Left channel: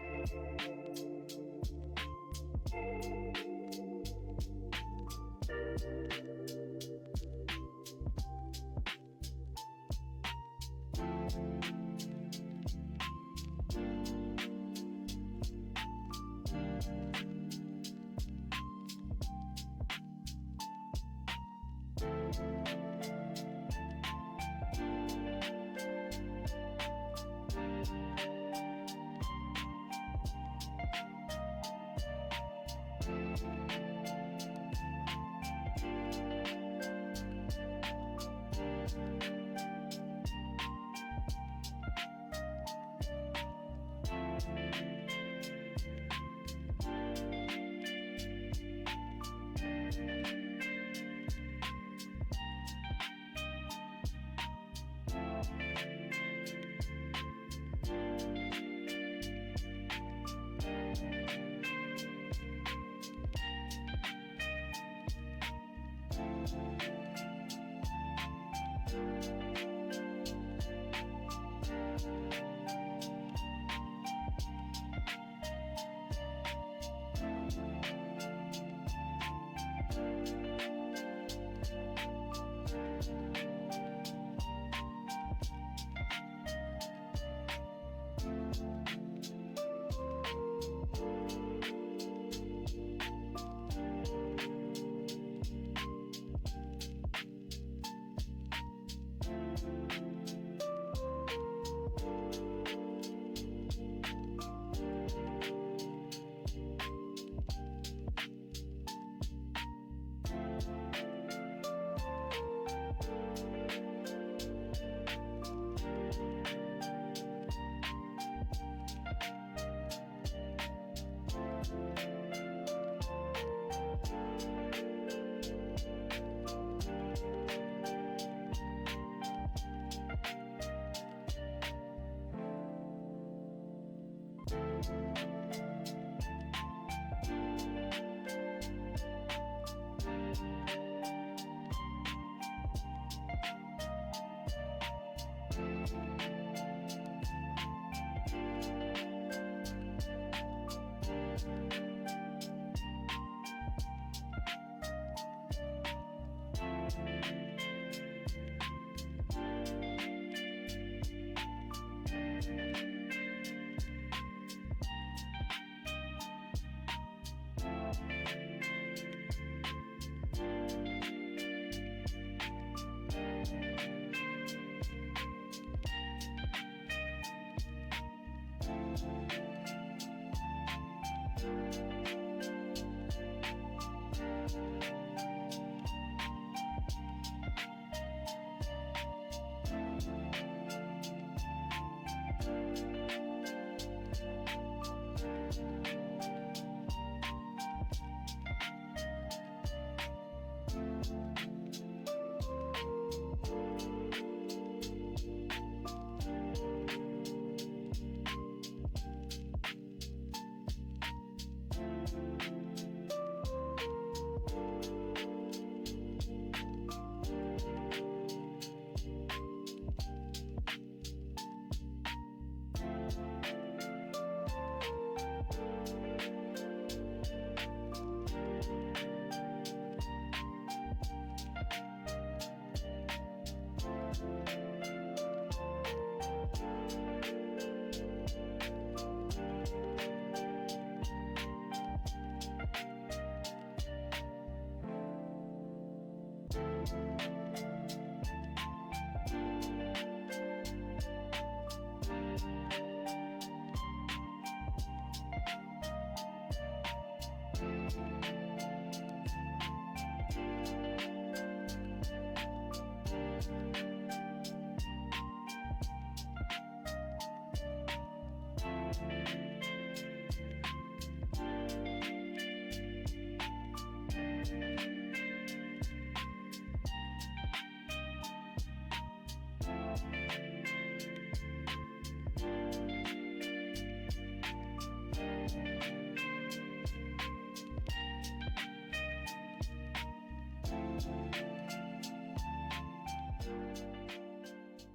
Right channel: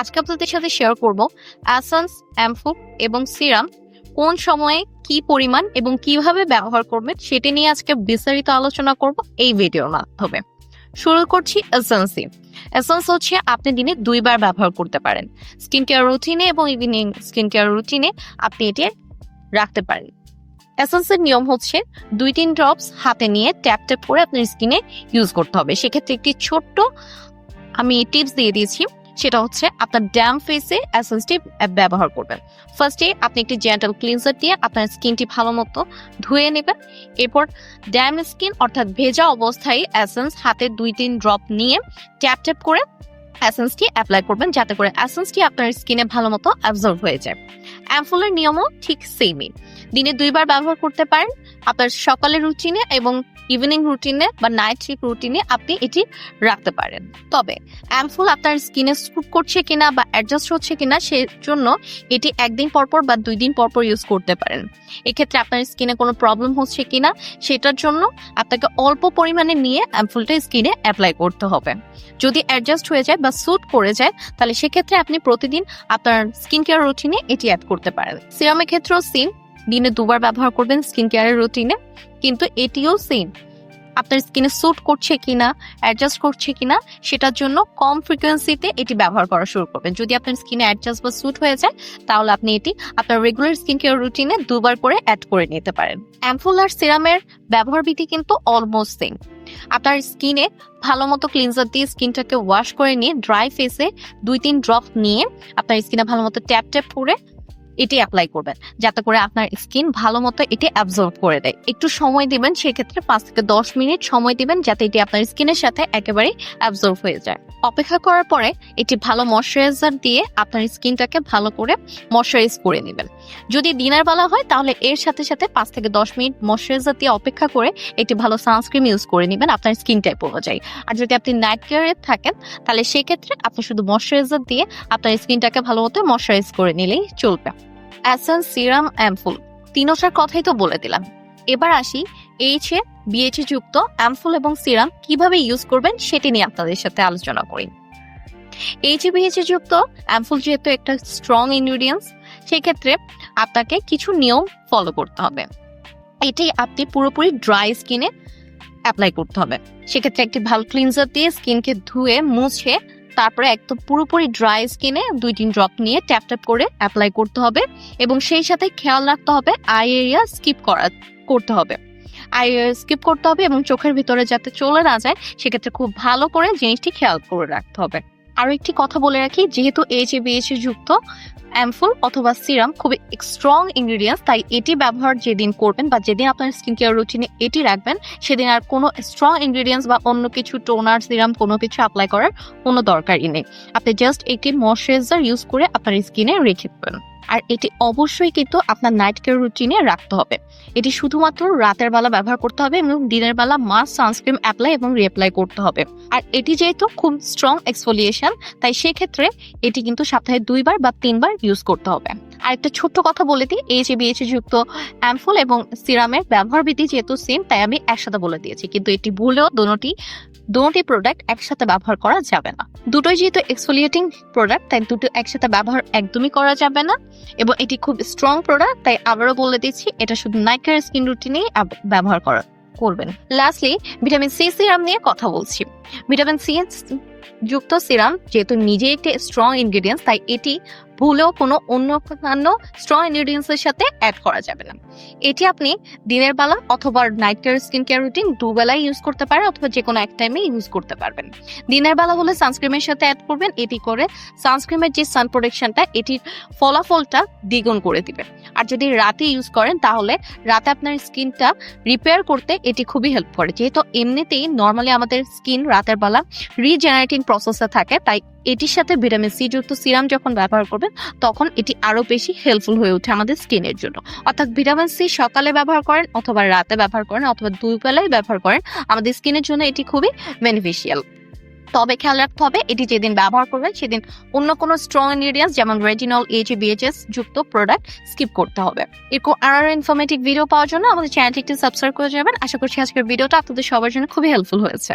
আজকে আপনাদের সাথে শেয়ার করব অ্যাসেন্স, অ্যাম্পুল এবং সিরাম কোন সময়ে কি পরিমাণ এবং কিভাবে ব্যবহার করবেন সেটা নিয়ে আজকে বিস্তারিত আলোচনা করব এই ভিডিওর মাধ্যমে। শুরু করছি এসেন্স। এসেন্স হচ্ছে আপনি দিনে 2 বার ব্যবহার করতে পারেন। স্কিন কেয়ার রুটিনে এবং ইভিনিং স্কিন কেয়ার রুটিনে আপনি এটি রাখতে পারেন। এসেন্সের নিয়ম হচ্ছে 2-3 ড্রপস হাতে নিয়ে ট্যাপ ট্যাপ করে আপনার স্কিনে ইউজ করতে হবে। সেক্ষেত্রে একটি ছোট্ট আমি টিপস দিয়ে দিয়েছি, সেটা হচ্ছে আপনার ড্যাম ফেসে এসেন্সটি ব্যবহার করবেন। ফার্স্টে আপনি একটি জেন্টাল ক্লিনজার দিয়ে আপনার স্কিনটি ভালো মতো ধুয়ে নেবেন। এরপর ড্যাম স্কিন অর্থাৎ ভেজা অবস্থায় এসেন্স হাতে 2-3 ড্রপ নিয়ে ট্যাপ ট্যাপ করে এসেন্সটি অ্যাপ্লাই করবেন, যাতে করে এসেন্সটি আপনার স্কিনে ভালো মতো অ্যাবজর্ব হয়ে যায়। অ্যাম্পুলের নিয়মও ঠিক সেমই, দিনে 2 বার ব্যবহার করতে পারেন। আপনার সকালের রুটিনে এবং ইভিনিং রুটিনে বা নাইট শিফট রুটিনে আপনি এটি রাখতে পারেন। তবে অ্যাম্পুল আপনার স্কিনে স্যুট করছে কিনা বা অ্যাডজাস্ট হচ্ছে কিনা সেজন্য এটি 1 দিন পরপর বা 2 দিন পরপর ইউজ করতে পারেন। এক্ষেত্রে আপনার স্কিনে কোনো প্রবলেম হচ্ছে কিনা সেটার জন্য আপনাকে অল্প পরিমাণে নিয়ে অ্যাম্পুলটা স্কিনে অ্যাপ্লাই করতে হবে। যদি অ্যাডজাস্ট হয়ে যায় বা স্যুট করে যায় তাহলে সেক্ষেত্রে আপনি প্রতিদিন আপনার স্কিন কেয়ার রুটিনে এটি অ্যাড করতে পারেন। সিরামের ক্ষেত্রেও সেম, দিনে 2 বার ব্যবহার করবেন স্কিন কেয়ারের রুটিনে, কিন্তু এটিও সেম আপনার স্কিনে স্যুট করছে কিনা অ্যাডজাস্ট করছে কিনা সেটার জন্য কম ফ্রিকোয়েন্সিতে এটি ব্যবহার করা শুরু করবেন। যদি আপনার স্কিনে অ্যাডজাস্ট বা স্যুট হয়ে যায় তাহলে আপনি এটি আপনার রেগুলার স্কিন কেয়ার রুটিনে 2 বার করে অ্যাড করে নিতে পারেন। অ্যাম্পুল আর সিরামের ব্যবহার বিধি কিন্তু অলমোস্ট সেম। আপনার স্কিনে ভালো মতো ক্লিনজার দিয়ে স্কিনটাকে ওয়াশ করে নিয়ে ড্রাই ফেসে 2-3 ড্রপ নিয়ে আপনার স্কিনে ভালো মতো ট্যাপ ট্যাপ করে এটি অ্যাপ্লাই করবেন, যাতে করে আপনার স্কিন ভালো মতো এটি অ্যাবজর্ব করে দেয়। একটু সময় দিবেন, সেক্ষেত্রে 5 থেকে 10 মিনিট সময় দিবেন যাতে এটি আপনার স্কিনের সাথে একেবারে অ্যাবজর্ব হয়ে যায়। অপেক্ষা করার পরে এটি ভালো ময়শ্চারাইজার দিয়ে আপনার স্কিনটাকে ভালো করে ময়শ্চারাইজ করে নেবেন। যদি দিনের বেলা হয় তাহলে এর সাথে সাথে 5 থেকে 10 মিনিট ময়শ্চারাইজার দিয়ে অপেক্ষা করে একটি ভালো সানস্ক্রিন ইউজ করে নেবেন আপনার স্কিন টাইপ অনুযায়ী। আর যদি আপনি নাইট কেয়ারে থাকেন তাহলে সেক্ষেত্রে আপনি শুধু ময়শ্চারাইজার দিয়ে আপনার স্কিনটাকে ভালো মতো ময়শ্চারাইজ করে নিলেই চলবে। এসেন্স, সিরাম, অ্যাম্পুল তিনটার কথাই তো বলে দিলাম। এবার আসি এইচএ বিএইচএ যুক্ত অ্যাম্পুল এবং সিরাম কিভাবে ইউজ করবেন সেটি নিয়ে আপনাদের সাথে আলোচনা করি। এইচএ বিএইচএ যুক্ত অ্যাম্পুল যেহেতু একটা স্ট্রং ইনগ্রেডিয়েন্টস, সেক্ষেত্রে আপনাকে কিছু নিয়ম ফলো করতে হবে। এটি আপনি পুরোপুরি ড্রাই স্কিনে অ্যাপ্লাই করতে হবে। সেক্ষেত্রে একটি ভালো ক্লিনজার দিয়ে স্কিনকে ধুয়ে মুছে তারপরে একদম পুরোপুরি ড্রাই স্কিনে 2-3 ড্রপ নিয়ে ট্যাপ ট্যাপ করে অ্যাপ্লাই করতে হবে এবং সেই সাথে খেয়াল রাখতে হবে আই এরিয়া করতে হবে। আই এরিয়া স্কিপ করতে হবে এবং চোখের ভিতরে যাতে চলে না যায় সেক্ষেত্রে খুব ভালো করে জিনিসটি খেয়াল করে রাখতে হবে। আরো একটি কথা বলে রাখি, যেহেতু এইচএ বিএইচএ যুক্ত অ্যাম্পুল অথবা সিরাম খুবই স্ট্রং ইনগ্রেডিয়েন্টস, তাই এটি ব্যবহার যেদিন করবেন বা যেদিন আপনার স্কিন কেয়ার রুটিনে এটি রাখবেন সেদিন আর কোনো স্ট্রং ইনগ্রেডিয়েন্টস বা অন্য কিছু টোনার, সিরাম কোনো কিছু অ্যাপ্লাই করার কোনো দরকারই নেই। আপনি জাস্ট একটি ময়শ্চারাইজার ইউজ করে আপনার স্কিনে রেখে দেবেন। আর এটি অবশ্যই কিন্তু আপনার নাইট কেয়ার রুটিনে রাখতে হবে। এটি শুধুমাত্র রাতের বেলা ব্যবহার করতে হবে এবং দিনের বেলা মাস্ট সানস্ক্রিন অ্যাপ্লাই এবং রিঅ্যাপ্লাই করতে হবে। আর এটি যেহেতু খুব স্ট্রং এক্সফোলিয়েশন, তাই সেক্ষেত্রে এটি কিন্তু সপ্তাহে 2 বার বা 3 বার ইউজ করতে হবে। আর একটা ছোট্ট কথা বলে দিই, এইচএ বিএইচএ যুক্ত অ্যাম্পুল এবং সিরামের ব্যবহার বিধি যেহেতু সেম, তাই আমি একসাথে বলে দিয়েছি, কিন্তু এটি ভুলেও দুটি প্রোডাক্ট একসাথে ব্যবহার করা যাবে না। দুটোই যেহেতু এক্সফোলিয়েটিং প্রোডাক্ট, তাই দুটো একসাথে ব্যবহার একদমই করা যাবে না এবং এটি খুব স্ট্রং প্রোডাক্ট, তাই আবারও বলে দিচ্ছি এটা শুধু নাইট কেয়ার স্কিন রুটিনেই ব্যবহার করবেন। লাস্টলি ভিটামিন সি সিরাম নিয়ে কথা বলছি। ভিটামিন সি যুক্ত সিরাম যেহেতু নিজে একটি স্ট্রং ইনগ্রেডিয়েন্টস, তাই এটি ভুলেও কোনো অন্যান্য স্ট্রং ইনগ্রেডিয়েন্টস এর সাথে অ্যাড করা যাবে না। এটি আপনি দিনের বেলা অথবা night care skin care routine 2 বেলায় ইউজ করতে পারেন অথবা যে কোনো এক টাইমে ইউজ করতে পারবেন। দিনের বেলা হলে সানস্ক্রিনের সাথে অ্যাড করবেন, এটি করে সানস্ক্রিনের যে সান প্রোটেকশনটা এটির ফলাফলটা দ্বিগুণ করে দিবে। আর যদি রাতে ইউজ করেন তাহলে রাতে আপনার স্কিনটা রিপেয়ার করতে এটি খুবই হেল্প করে। যেহেতু এমনিতেই নর্মালি আমাদের স্কিন রাতের বেলা রিজেনারেটিং প্রসেসে থাকে, তাই এটির সাথে ভিটামিন সি যুক্ত সিরাম যখন ব্যবহার করবেন তখন এটি আরো বেশি হেল্পফুল হয়ে ওঠে আমাদের স্কিনের জন্য। অর্থাৎ ভিটামিন সি সকালে ব্যবহার করেন অথবা রাতে ব্যবহার করেন অথবা 2 বেলায় ব্যবহার করেন, আমাদের স্কিনের জন্য এটি খুবই বেনিফিশিয়াল। তবে খেয়াল রাখতে হবে এটি যেদিন ব্যবহার করবেন সেদিন অন্য কোনো স্ট্রং ইনগ্রেডিয়েন্টস যেমন রেটিনল, এইচএ বিএইচএস যুক্ত প্রোডাক্ট স্কিপ করতে হবে। এরকম আরো ইনফরমেটিভ ভিডিও পাওয়ার জন্য আমাদের চ্যানেলটি একটু সাবস্ক্রাইব করে যাবেন। আশা করছি আজকের ভিডিওটা আপনাদের সবার জন্য খুবই হেল্পফুল হয়েছে।